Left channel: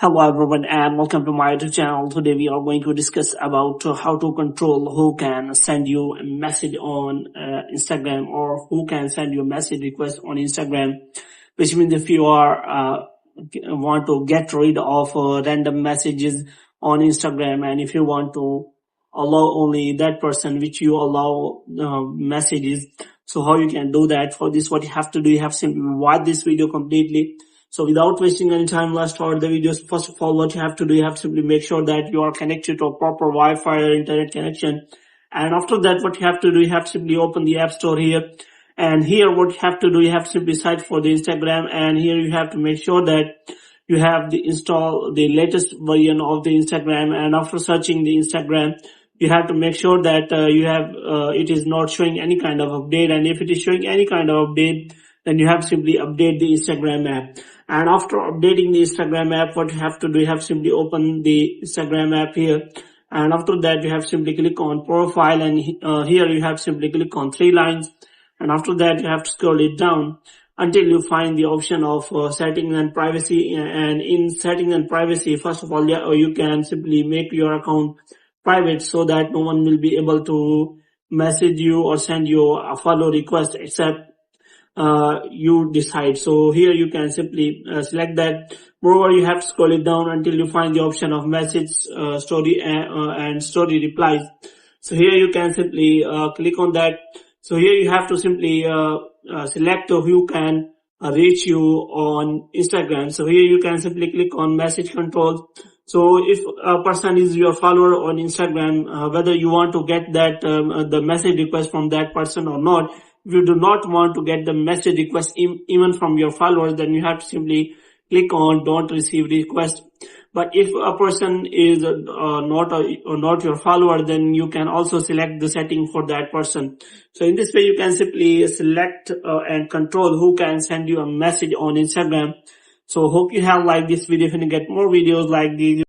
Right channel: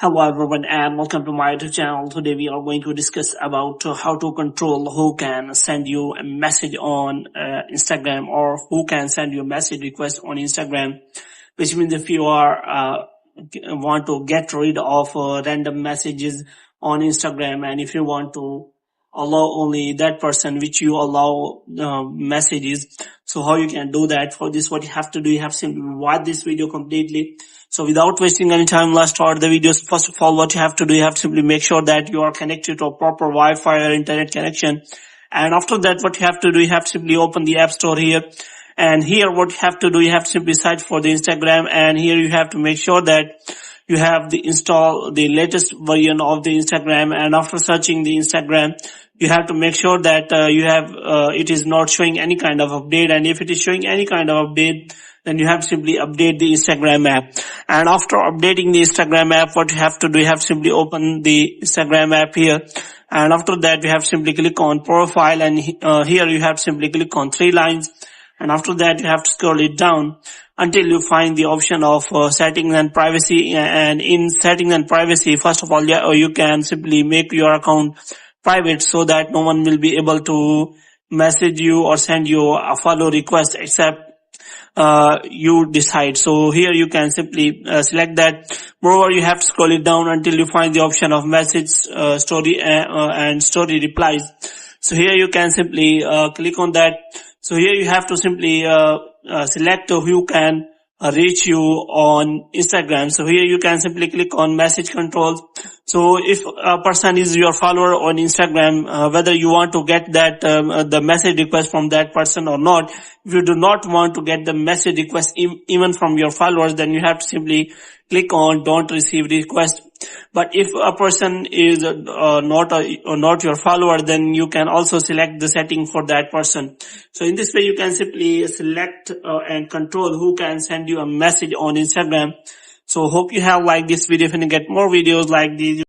Hello everyone and welcome to my YouTube channel. Today we are going to discuss about how to control who can send you a message on Instagram or who can send you a message request on Instagram. Which means if you are want to get rid of random messages on Instagram, and if you want to allow only that person which you allow messages, so how you can do that. For this, what you have to do, you have to simply watch this video completely. So without wasting any time, let's start the videos. First of all, what you have to do, you have to simply make sure that you are connected to a proper Wi-Fi or internet connection. And after that, what you have to do, you have to simply open the App Store here. And here, what you have to do, you have to simply search for the Instagram. And here you have to make sure that you have install the latest version of the Instagram. And after searching the Instagram, you have to make sure that it is not showing any kind of update. And if it is showing any kind of update, then you have to simply update the Instagram app. And after updating the Instagram app, what you have to do, you have to simply open the Instagram app here. And after that, you have to simply click on profile, and here you have to simply click on 3 lines. And after that, you have to scroll it down until you find the option of settings and privacy. And in settings and privacy, first of all, you can simply make your account private so that no one will be able to message you or send you a follow request except you decide. So here you can simply select that. Moreover, you have to scroll it down until you find the option of message, story and story replies. So here you can simply click on that. So here you have to simply select who can reach you on Instagram. So here you can simply click on message controls. So if a person is your follower on Instagram, whether you want to get that the message request from that person or not, if you do not want to get the message request even from your followers, then you have to simply click on don't receive request. But if a person is not your follower, then you can also select the setting for that person. So in this way, you can simply select and control who can send you a message on Instagram. So hope you have liked this video. If you get more videos like these,